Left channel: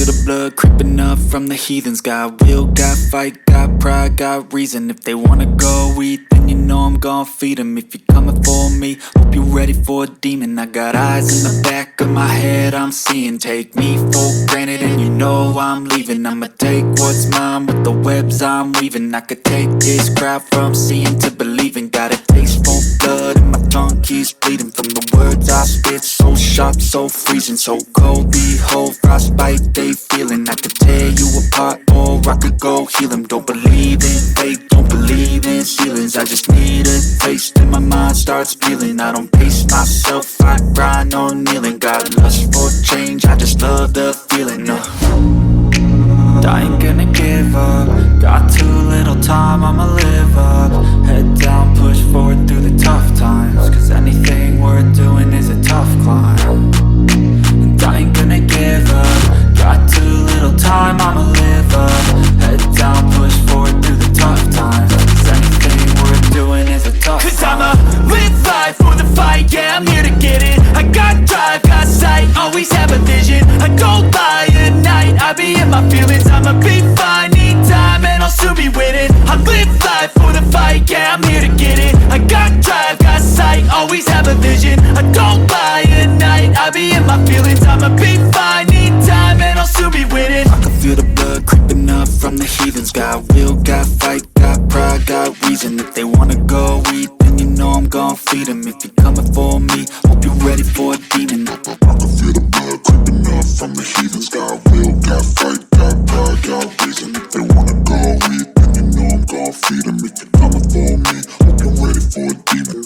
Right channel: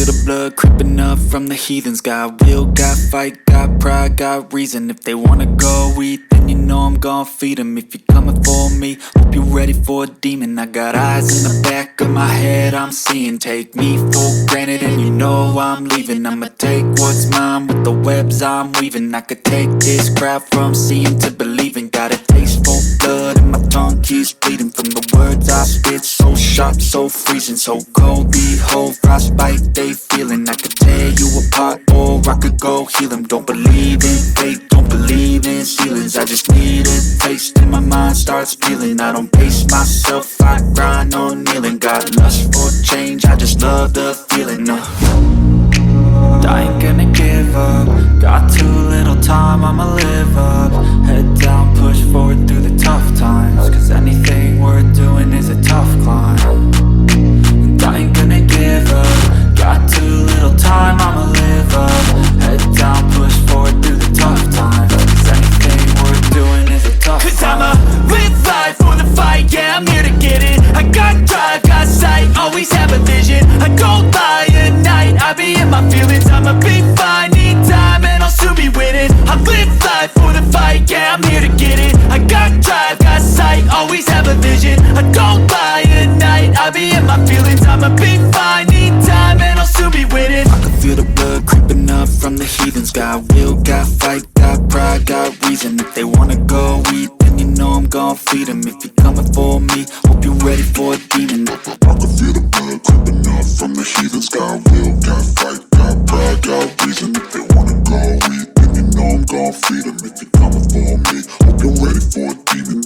feel the blood creeping up from the heathens. Got will, got fight, got pride, got reason. If they wanna go eat, then you know I'm gon' feed them. If you're coming for me, hope you're ready for a demon. I got eyes in the back of my head, I'm seeing. Take me for granted and you know I'm leaving. I'ma take what's mine with the webs I'm weaving. I could take this crowd from seeing to believing. Got a taste for blood and my tongue keeps bleeding from the words I spit. So sharp, so freezing, so cold. Behold, frostbite they feeling. I could tear you apart or I could go heal them. Don't believe in fate, don't believe in ceilings. I just need a taste and my mind starts peeling. I don't pace myself, I grind on kneeling. Got lust for change, I just love the feeling. I ain't gonna give up. Got too little time, I'ma live up. Head down, push forward through the tough times. Cause anything worth doing is a tough climb. And I ain't gonna give up. Got too little time, I'ma live up. Head down, push forward through the tough times. Cause anything worth doing is a tough climb. Cause I'ma live life for the fight, yeah, I'm here to get it. I got drive, got sight, always have a vision. I don't lie at night, I be in my feelings. I'ma be fine, need time, and I'll soon be winning. I live life for the fight, yeah, I'm here to get it. I got drive, got sight, always have a vision. I don't lie at night, I be in my feelings. I'ma be fine, need time, and I'll soon be winning. I can feel the blood creeping up from the heathens. Got will, got fight, got pride, got reason. If they wanna go eat, then you know I'm gon' feed them. If you're coming for me, hope you're ready for a demon. I can feel the blood creeping up from the heathens. Got will, got fight, got pride, got reason. If they wanna go eat, then you know I'm gon' feed them. If you're coming for me, hope you're ready for a demon.